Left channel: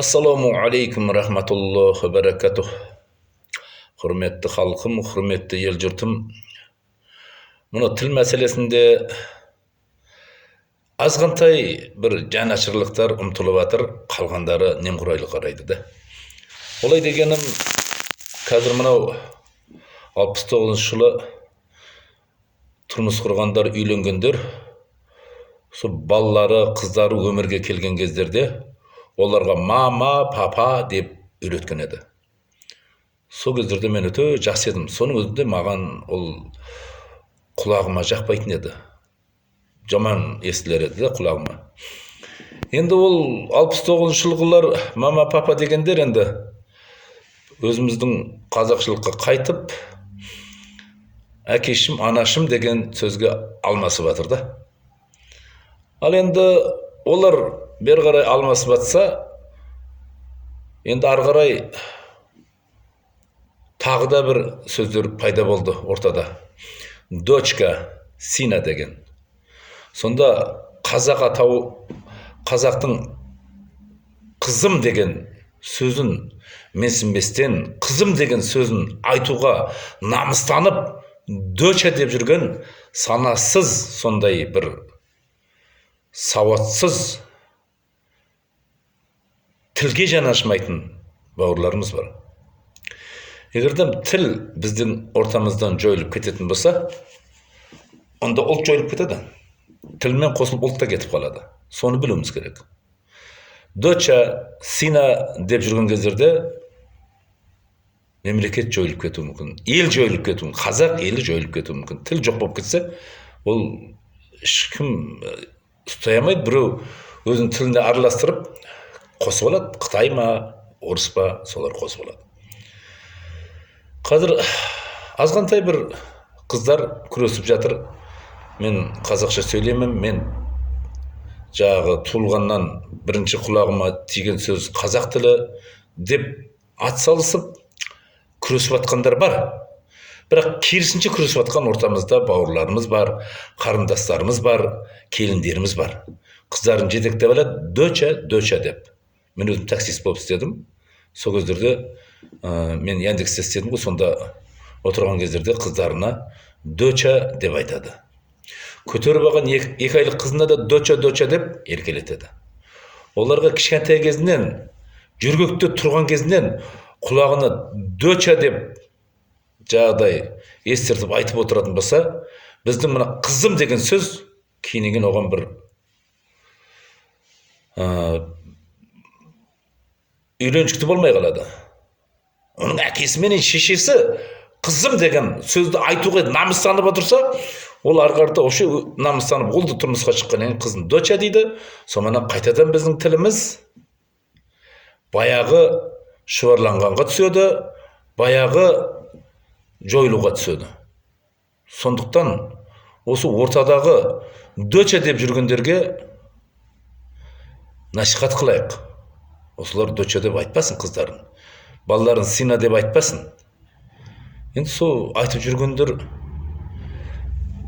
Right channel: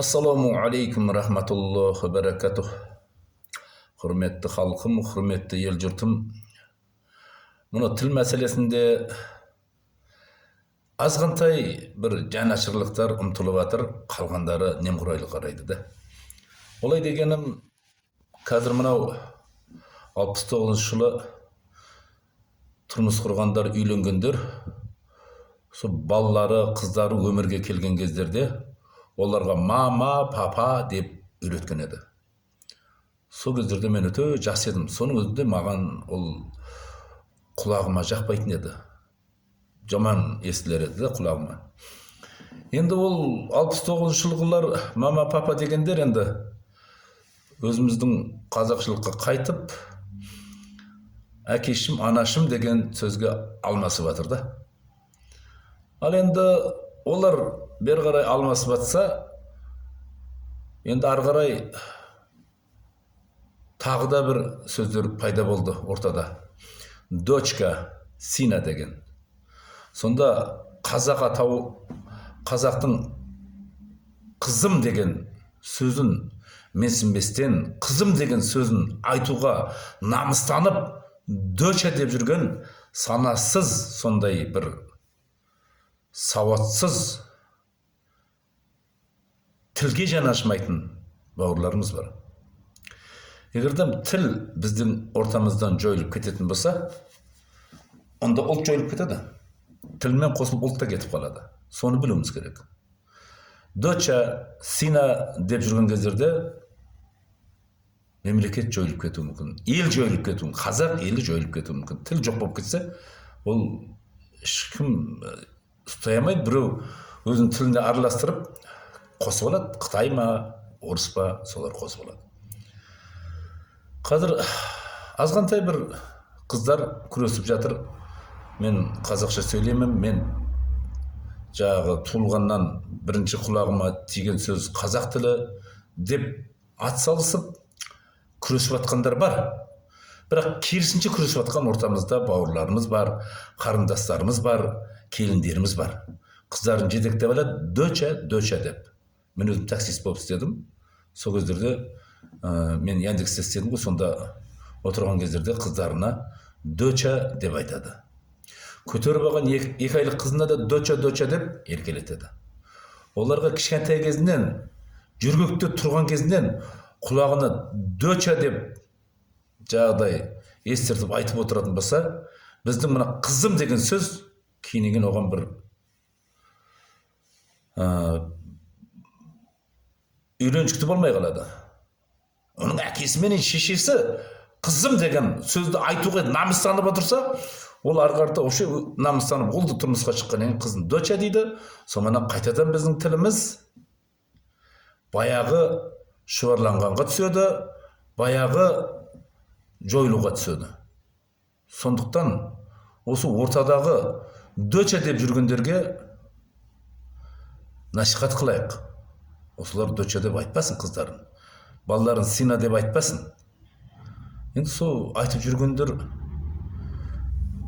Assalamu alaikum rahmatullohi va barakatuh. Hurmetli halkım, hurmetli ел жұртым. Мұны тіл мәселесінде азғантай бір жанашырлықтар ұмтылып жатыр, қалғандары немқұрайлы қарайды да. Олай дегенім, қазір мынау 69 жылы тұрмыс құрғандар, үйленгендер, сол балалары, қыздары өмірге келген кездерде оларға мама, папа деп үйреткен еді. Сол кездерде мен өте жақсы едім. Соның өзінде маған ол құлағыма жақпайтын еді. Жаман естілер еді да құлағыма. Енді ол 69 жылғылар мама, папа дегендер енді өзіміздің қазақшылыққа қайтып, әкешім, анашым деген сөзге алмасып жатыр да. Ал енді олар бері қарай алмасып жатса, енді ары қарай тағы да бір сөздер пайда болды ортада. Дочка, сина деген. Сонда қазақ атау, қазақтың қызым деген сөзін менсінбестен, қызым деген сөзін айтуға намыстанып, доча деп жүрген санасыз, сондай бір сауатсыз, тілге жанашмайтын бауырларымыз бар. Егерден тіл біздің ортамыздан жойылып кететін болса, онда ұлт жойылып кетеді. Тілмен қосылып ұлт та кетіп қалады. Соны білуіміз керек. Доча, сина деп жүрген кездерде мемлекет жойылып кетуі мүмкін, ел жойылып кетуі мүмкін, қазақ елі жойылып кетуі мүмкін. Тіл жоқ болып кетсе, ол ешкім ұстай алмайды. Біреу өзінің тілінде араластырып қосып алады. Қытай ма, орыс па, солар қосып алады. Қазір азғантай бір қыздар күресіп жатыр. Мен қазақша сөйлеймін, мен жағы туылғаннан бірінші құлағыма тиген сөз қазақ тілі деп атсалысып күресіп жатқандар бар. Бірақ керісінше күресіп жатқан ортамызда бауырларымыз бар, қарындастарымыз бар, келіндеріміз бар. Қыздарын жетектеп алады, доча, доча деп. Мен өзім таксист болып істедім. Сол кездерде мен Яндексте істедім ғой, сонда отырған кездерде қыздарына доча деп айтады. Көтеріп алған екі айлық қызына да доча, доча деп еркелетеді. Оларға кішкентай кезінен, жүргекте тұрған кезінен құлағына доча деп жағдай естіртіп айтып отыратын болса, біздің мына қызым деген сөз кейіннен оған бір үйреншікті болмай қалады. Оның әкесі мен шешесі қызым деген сөзді айтуға намыстанып отырса, ол арқарда осы намыстанып олды тұрмысқа шыққаннан қызын доча дейді. Сонымен қайтадан біздің тіліміз баяғы шұбарланғанға түседі, баяғы жойылуға түседі. Сондықтан осы ортадағы доча деп жүргендерге насихат қылайық. Осылар доча деп айтпасын қыздарын, балаларын сина деп айтпасын. Енді сол айтып жүргендер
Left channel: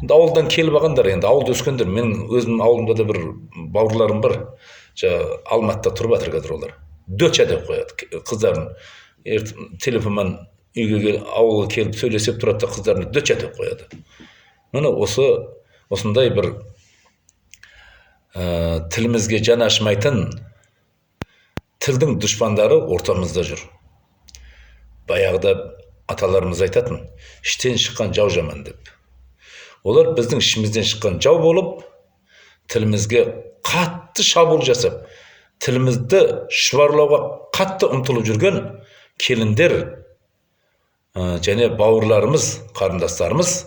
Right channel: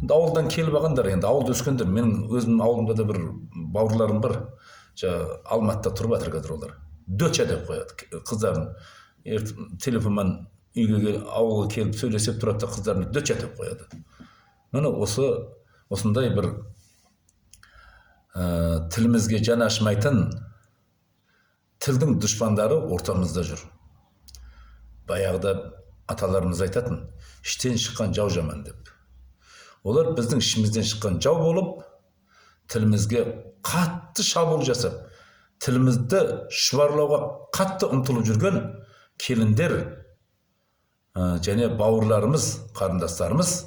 ауылдан келіп алғандар, енді ауылда өскендер. Мен өзім ауылымда да бір бауырларым бар, Алматыда тұрып жатыр қазір олар. Доча деп қояды қыздарын. Телефонмен үйге ауылға келіп сөйлесіп тұрады да қыздарына доча деп қояды. Міне осындай бір тілімізге жаны ашымайтын тілдің дұшпандары ортамызда жүр. Баяғыда аталарымыз айтатын, іштен шыққан жау жаман деп. Олар біздің ішімізден шыққан жау болып, тілімізге қатты шабуыл жасап, тілімізді шұбарлауға қатты ұмтылып жүрген келіндер және бауырларымыз, қарындастарымыз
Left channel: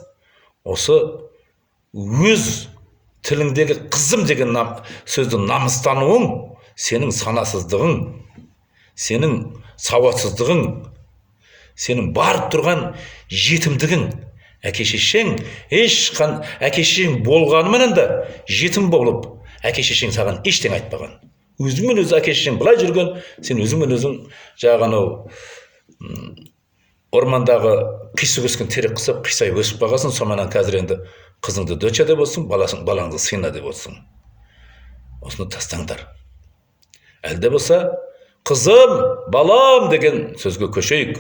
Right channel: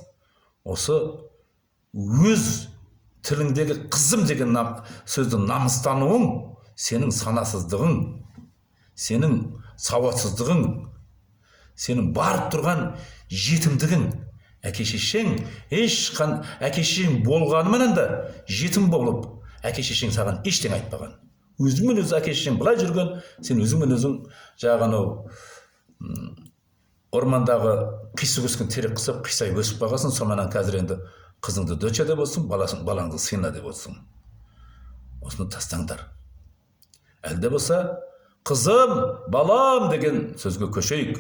осы өз тіліңдегі қызым деген сөзді намыстануың, сенің санасыздығың, сенің сауатсыздығың, сенің барып тұрған жетімдігің. Әке-шешең болғанымен да жетім болып, әке-шешең саған ештеңе айтпаған. Өзіңмен өзі әке-шешең былай жүрген, сен өзіңмен өзің жағаны ормандағы қисық өскен терек қысып, қисай өсіп бағасын. Сонымен қазір енді қызыңды доча деп отырсың, балаңды сина деп отырсың. Осыны тастаңдар. Әлде болса Қызым, балам деген сөзге көшейік.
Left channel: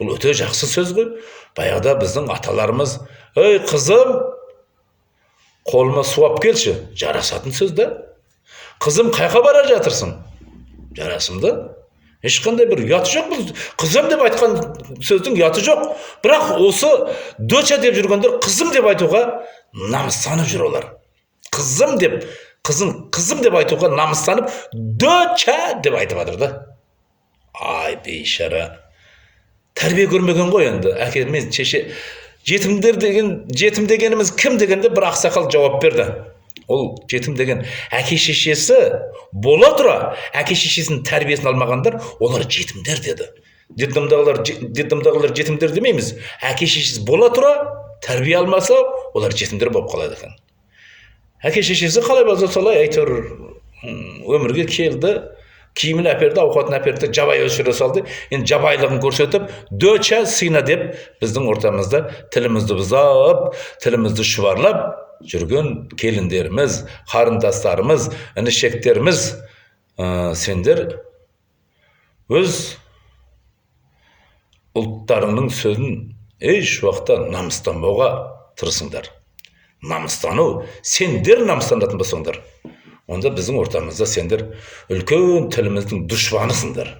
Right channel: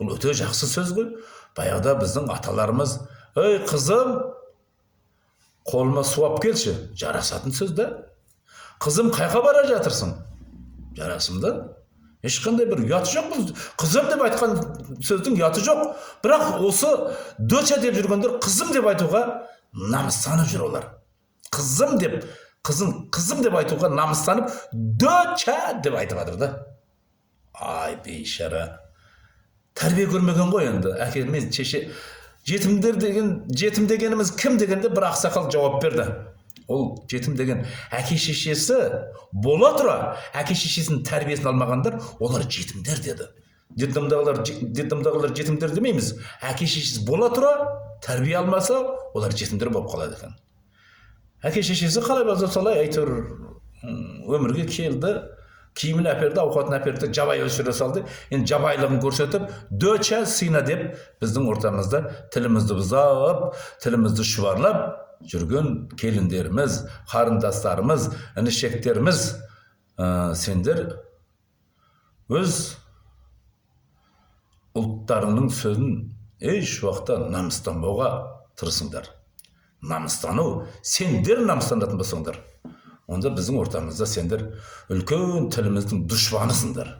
Бұл өте жақсы сөз ғой. Баяғыда біздің аталарымыз, ей қызым, қолыма су алып келші, жарасатын сөз да. Қызым, қайқа бара жатырсың? Жарасымды. Ешқандай бір ұяты жоқ. Бұл қызым деп айтқан сөздің ұяты жоқ. Бірақ осы доча деп жүргендер қызым деп айтуға намыстанып жүр олар. Қызым деп, қызым деп айтуға намыстанып, доча деп айтып жатыр да. Ай, бейшара. Тәрбие көрмеген ғой енді. Әке мен шеше жетім дегеніміз кім дегенде бір ақсақал жауап берді. Ол жетім деген әке шешесі бола тұра, әке шешесінің тәрбиесін алмағандар, олар жетімдер деді. Детдомдағылар жетімдер демейміз. Әке шешесі бола тұра, тәрбие алмаса, олар жетімдер болып қалады екен. Әке шешесі қалай болса солай әйтеуір өмірге келді, киімін әперді, ауқатын әперді, жабай өсіре салды. Енді жабайлығын көрсетіп, доча сыйна деп біздің ортамызда тілімізді бұзап, тілімізді шұбарлап жүрген келіндеріміз, қарындастарымыз, інішектеріміз, сендер өз ұлттарыңның сөзін еш уақытта намыстанбауға тырысыңдар. Намыстану, сендер намыстанатын болсаңдар, онда біздің ортамызда сендер үлкен тіліміздің дұшпанысыңдар.